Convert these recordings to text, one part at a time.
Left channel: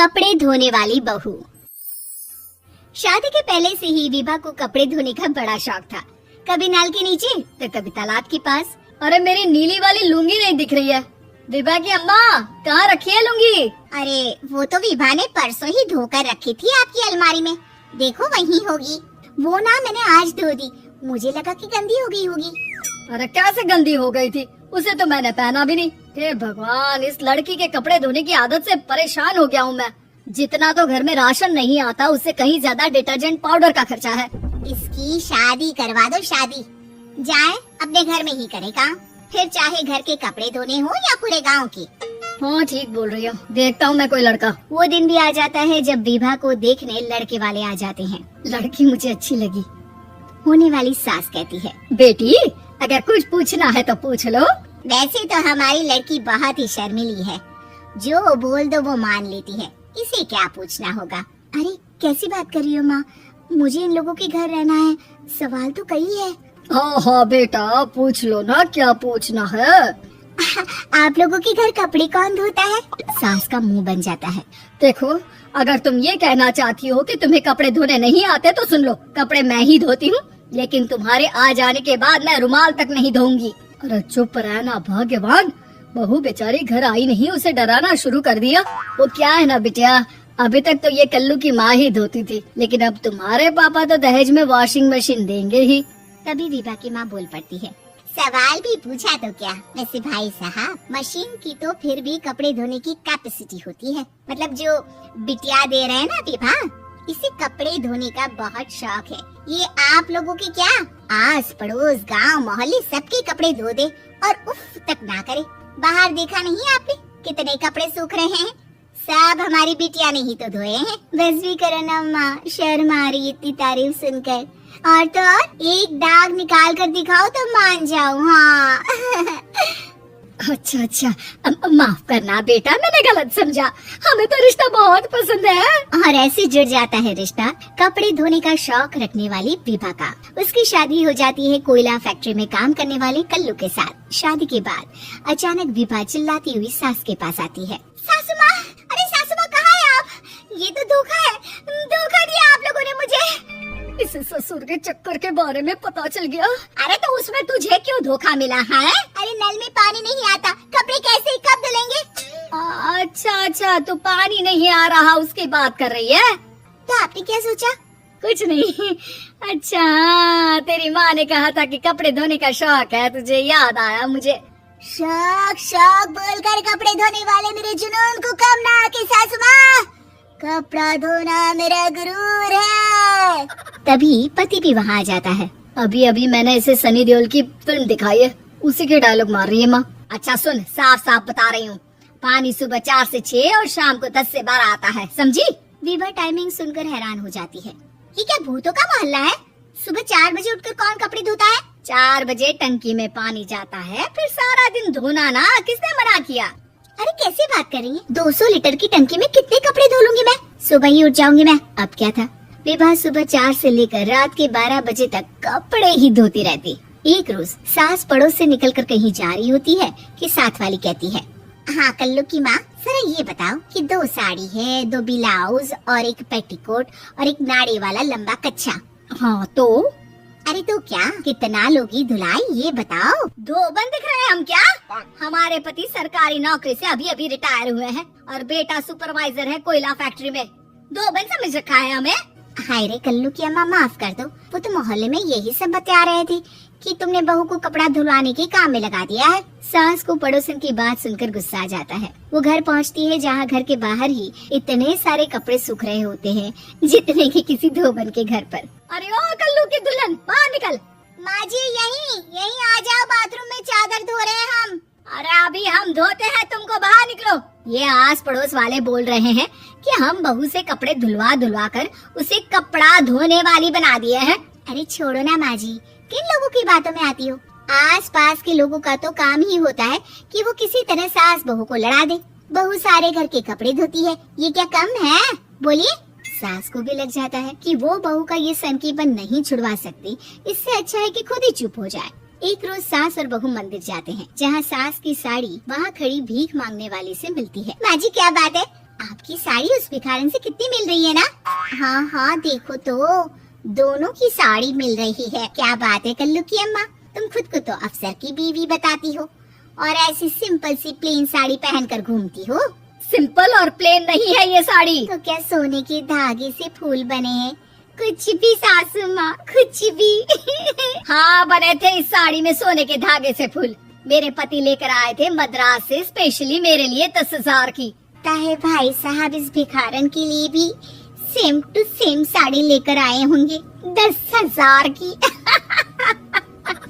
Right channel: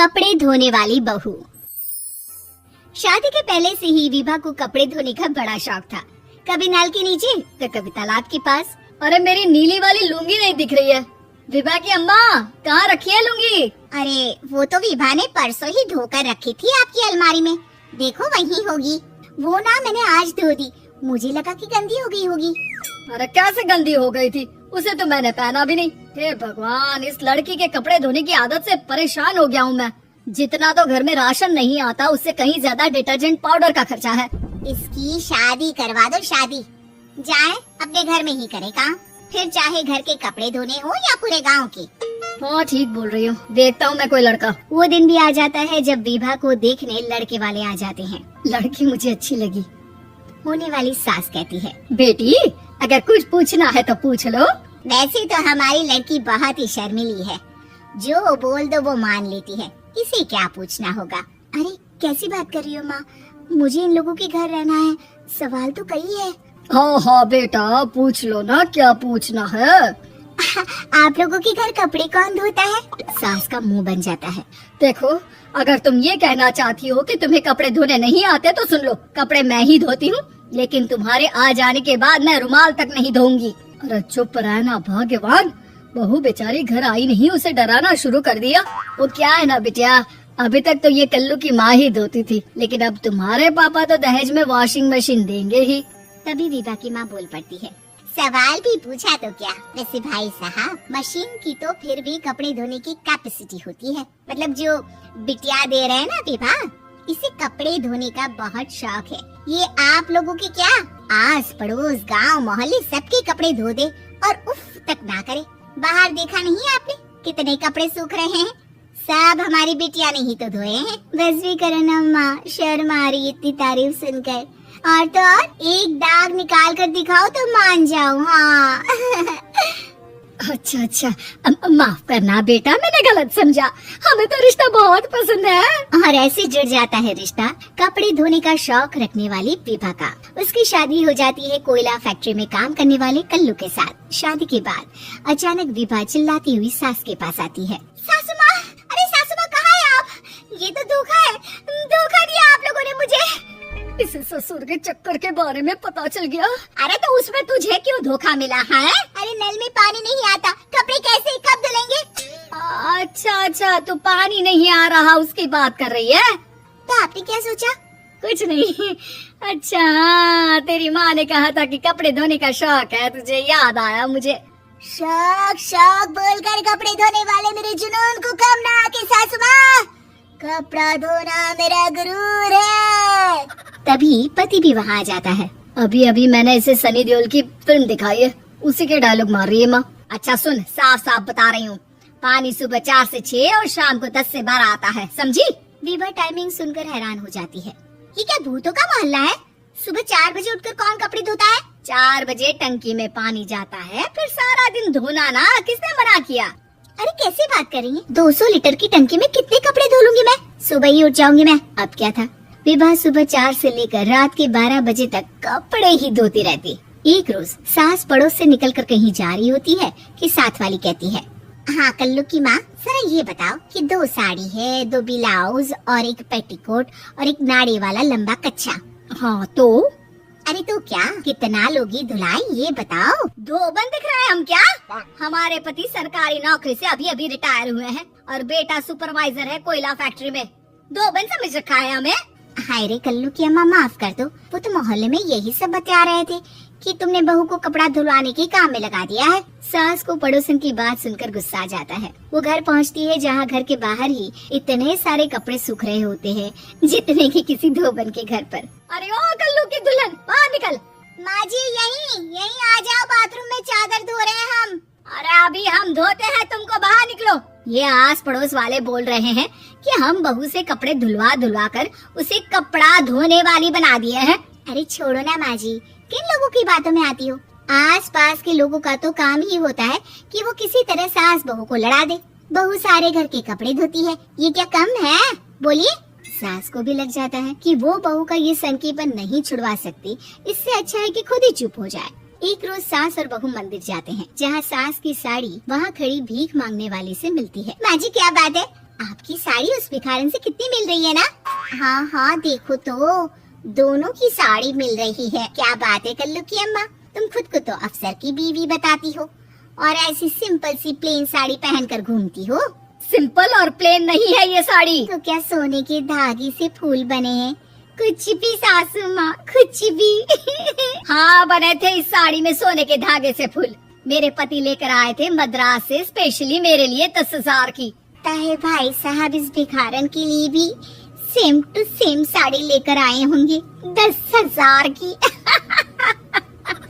कपड़े धोने वाली बहू। शादी के पहले से ही विभा को कपड़े धोने का बड़ा शौक था। कभी नल के नीचे तो कभी तालाब के पास। अरे मेरी नीली वाली लुंगी नहीं दिख रही है। विभा की अम्मा कहाँ रखी है लुंगी? अरे वो तो विभा ने परसों ही धोकर रखी थी आपकी अलमारी में, देखो वहीं होगी। वो ना मैंने आज धो दी, मुझे लगा कि गंदी हो गई होगी। अरे कैसे गंदी हो गई थी, उसे तो मैंने पहना भी नहीं। हे भगवान, इस लड़की के कपड़े धोने की आदत से परेशान हो गया हूँ मैं। जितना तो घर में राशन नहीं आता उससे कहीं ज्यादा डिटर्जेंट पाउडर का खर्चा है। इसकी शादी करवा दो, शादी जाए अपने घर में ही करेगा, फिर चाहे घर के कपड़े धोने हो या पूरे गांव के। हाँ ठीक बोल रही हो, देखता हूँ मैं कोई लड़का। वो दिन भी आ जाता है जब विभा को देखने लड़के वाले आ जाते हैं। लड़की मुझे अच्छी लगी। होने वाली सास कहती है, बेटी अगर कुछ पूछना है तो पूछ लो। वैसे तो हमारी लड़की बहुत ही शर्मीली है, जो बोल दो वो मान लेती है, इसे क्या पूछना होगा। अरे कैसी बात कर रही हो माँ, मुझे इन लोगों के घर रहना है, सवाल तो कई है। हाँ हाँ बेटा पूछ लो ना, क्या पूछना है। आप लोगों के घर कपड़े कौन धोता है? सास का मुंह बन जाता है। देखो अगर तुम ये कहना चाहती हो कि तुम्हें कपड़े धोने नहीं आते तो सुन लो, कपड़े मैं ही धोती हूँ, लेकिन तुम्हारे आ जाने के बाद मैं रुमाल तक नहीं धोऊंगी। अरे चुप रहना भगवान, बहू बेचारी घर आई नहीं, उसे डराना शुरू कर दिया। वो क्या है ना बिटिया, अभी तक तो ये कल्लू की माँ ही धोती थी, लेकिन अब तुम्हारे पापा तो दहेज में वॉशिंग मशीन देंगे ही। तभी विभा की माँ बोल पड़ती है, सवाल भी पूछा तो क्या। वैसे भाई साहब, मशीन की तो फिर भी कपड़े धोने की कैपेसिटी होती है। मतलब जो बिटिया दे रहे हैं ना विभा, इसे कपड़े धोने का बहुत शौक है। ये आप लोगों की क्या आस पड़ोस गांव मोहल्ले सबके कपड़े धो दे और उफ तक ना करे। बाहर देखा नहीं आपने कितने कपड़े सूख रहे हैं, सब हमारी बिटिया ने ही तो धोए हैं। बस भी करो ना माँ, शर्म आ रही इतनी तारीफ सुनकर। और तो और एक दाग निकाल कर दिखाओ तो मान जाऊँ। हाँ अच्छा माफ करना बेटा, मैंने गलत समझा, हमें तो रिश्ता बहुत पसंद है। और ऐसे जुड़ जाता है रिश्ता कपड़े धोने का शौक रखने वाली विभा का। उसकी शादी हो जाती है कोयला फैक्ट्री में काम करने वाले कल्लू के साथ। शादी के बाद अचानक विभा चिल्लाती हुई सास के पास आती है, सासू माँ, अरे सासू माँ कहाँ है आप? ये तो धोखा है, धोखा दिया आप लोगों ने मुझे। इसे ससुर के चक्कर के बारे में पता चल गया। अरे तो उसमें तुझे क्यों धोखा मिला है? अरे नल में पानी नहीं आता, कपड़े कैसे कब धुलेंगे? अच्छा तू पानी नहीं आ रहा उसकी बात कर रही है। तो आपने क्या सोचा? कुछ नहीं। अच्छा तेरी माँ ने कहा था कि कपड़े धोने का शौक है, तुझे याद आया मुझे। शौक बोलकर कपड़े धोने वाले मेरे जुनून को कम ना आके सासू माँ, कपड़ा धोना मेरा गुरूर है। तभी पति भी वहाँ आ जाता है। अभी मैंने इसे सनी देओल की फिल्म दिखाई है, उसी के डायलॉग मार रही है माँ। अच्छा सुन, साफ साफ बता रही हूँ, पानी सुबह 4 से 6 और शाम को 10 से 12 आता है, समझी? विभा टाइमिंग सुनकर हैरान हो जाती है। ये क्या भूतों का मोहल्ला है? सुबह 4 बजे उठकर कौन कपड़े धोता है? 4 बजे टंकी में पानी जाता है, फिर सारा दिन धोना ना, किसने मना किया? अरे कैसे बात कर रही है? 200 लीटर की टंकी में कितने कपड़े धो लूंगी मैं? सुबह ही उठ जाऊंगी मैं। अब क्या था, विभा सुबह 4 से लेकर रात के 12 बजे तक कपड़े ही धोती रहती। एक रोज सास पड़ोस से निकलकर कहीं जा रही होती है कि साथ वाली कहती है, हाँ कल्लू की माँ, जरा ये बताओ कि 2 साड़ी है, 2 ब्लाउज और एक पेटीकोट और एक नाड़े वाला लंबा कच्छा। हाँ तो? अरे तो क्या, कितना लोगी धुलाई ये बताओ। धोबन दिख रहे हैं हम क्या? हमारे पति सरकारी नौकरी से अभी रिटायर हुए हैं और बेटा सुपरवाइजर है कोयला फैक्ट्री में। धोबन समझ रखा है हमें? हाय रे कल्लू की अम्मा, माफ कर दो, वो तो मोहल्ले में यही सब बता रहे थे कि तुमने बहू को कपड़ा धुलवाने के काम में लगा दिया है। सास को पड़ोसन की बात सुनकर गुस्सा आ जाता है। वो घर पहुंचती है जहाँ घर के बाहर ही इतने सारे कपड़े सूख रहे होते हैं जितने कि किसी धोबन के घर पर। अरे ओ कल्लू की दुल्हन, बाहर निकल। माँ जी यहीं आ जाओ, बाथरूम में चादर धो रहे हैं हम। अरे अभी हम धोते हैं, तुमको बाहर निकलो। ये आस पड़ोस वाले बोल रहे हैं कि हम बहू से कपड़े धुलवा कर उसे कपड़ा धोने वाली बना दिए हैं। अरे छोड़ो ना माँ जी, किन लोगों की बातों में आती हो? आस पास के लोगों का तो काम ही होता है कि वो किसी तरह सास बहू को लड़ा दे। बहू सारे घर के कपड़े धोती है, ये क्या कम है? बोलिए। सास को भी लग जाता है कि वो बहू का ये सनकीपन नहीं छुड़वा सकती, इससे अच्छा है कि खुद ही चुप हो जाए। एक रोज सास और बहू मंदिर जाते हैं, जहाँ सास की साड़ी वहाँ खड़ी भीख मांगने वाली से मिलती है। माँ जी क्या बात है, आपकी साड़ी उस भिखारन से कितनी मिल रही है ना? हाँ हाँ देखो तो, दोनों की साड़ी मिल रही है। क्या बात है कल्लू की अम्मा, तुम खुद को तो अफसर की बीवी बताती हो और ऐसी सिंपल सी प्लेन साड़ी पहनकर घूमती हो। सिंपल और प्लेन नहीं है ये साड़ी। तो क्या सोने के धागे से फूल बने हैं? कुछ भी सासू माँ, कुछ भी। हाँ बने थे इस साड़ी में सोने के धागे से फूल। मेरे पति लेकर आए थे मद्रास से स्पेशली मेरे लिए 10,000 की। ताहे भाई साहब इस भिखारन के लिए भी सेम टू सेम साड़ी लेकर आए होंगे 10,000 की।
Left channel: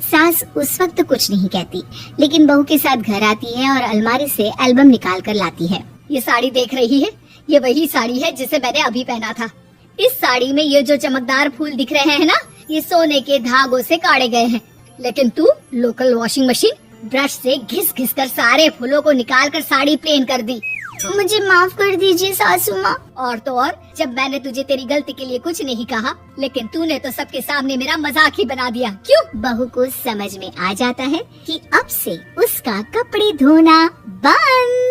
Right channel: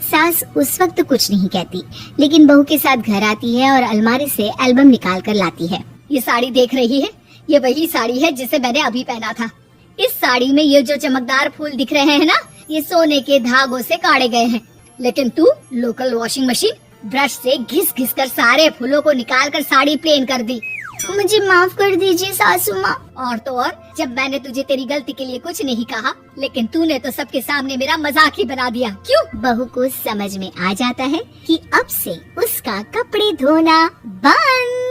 सास उस वक्त कुछ नहीं कहती, लेकिन बहू के साथ घर आती है और अलमारी से एल्बम निकाल कर लाती है। ये साड़ी देख रही है, ये वही साड़ी है जिसे मैंने अभी पहना था। इस साड़ी में ये जो चमकदार फूल दिख रहे हैं ना, ये सोने के धागों से काटे गए हैं। लेकिन तू लोकल वॉशिंग मशीन ब्रश से घिस घिस कर सारे फूलों को निकाल कर साड़ी प्लेन कर दी। मुझे माफ कर दीजिए सासू माँ। और तो और, जब मैंने तुझे तेरी गलती के लिए कुछ नहीं कहा, लेकिन तूने तो सबके सामने मेरा मजाक ही बना दिया। क्यों? बहू को समझ में आ जाता है कि अब से उसका कपड़े धोना बंद।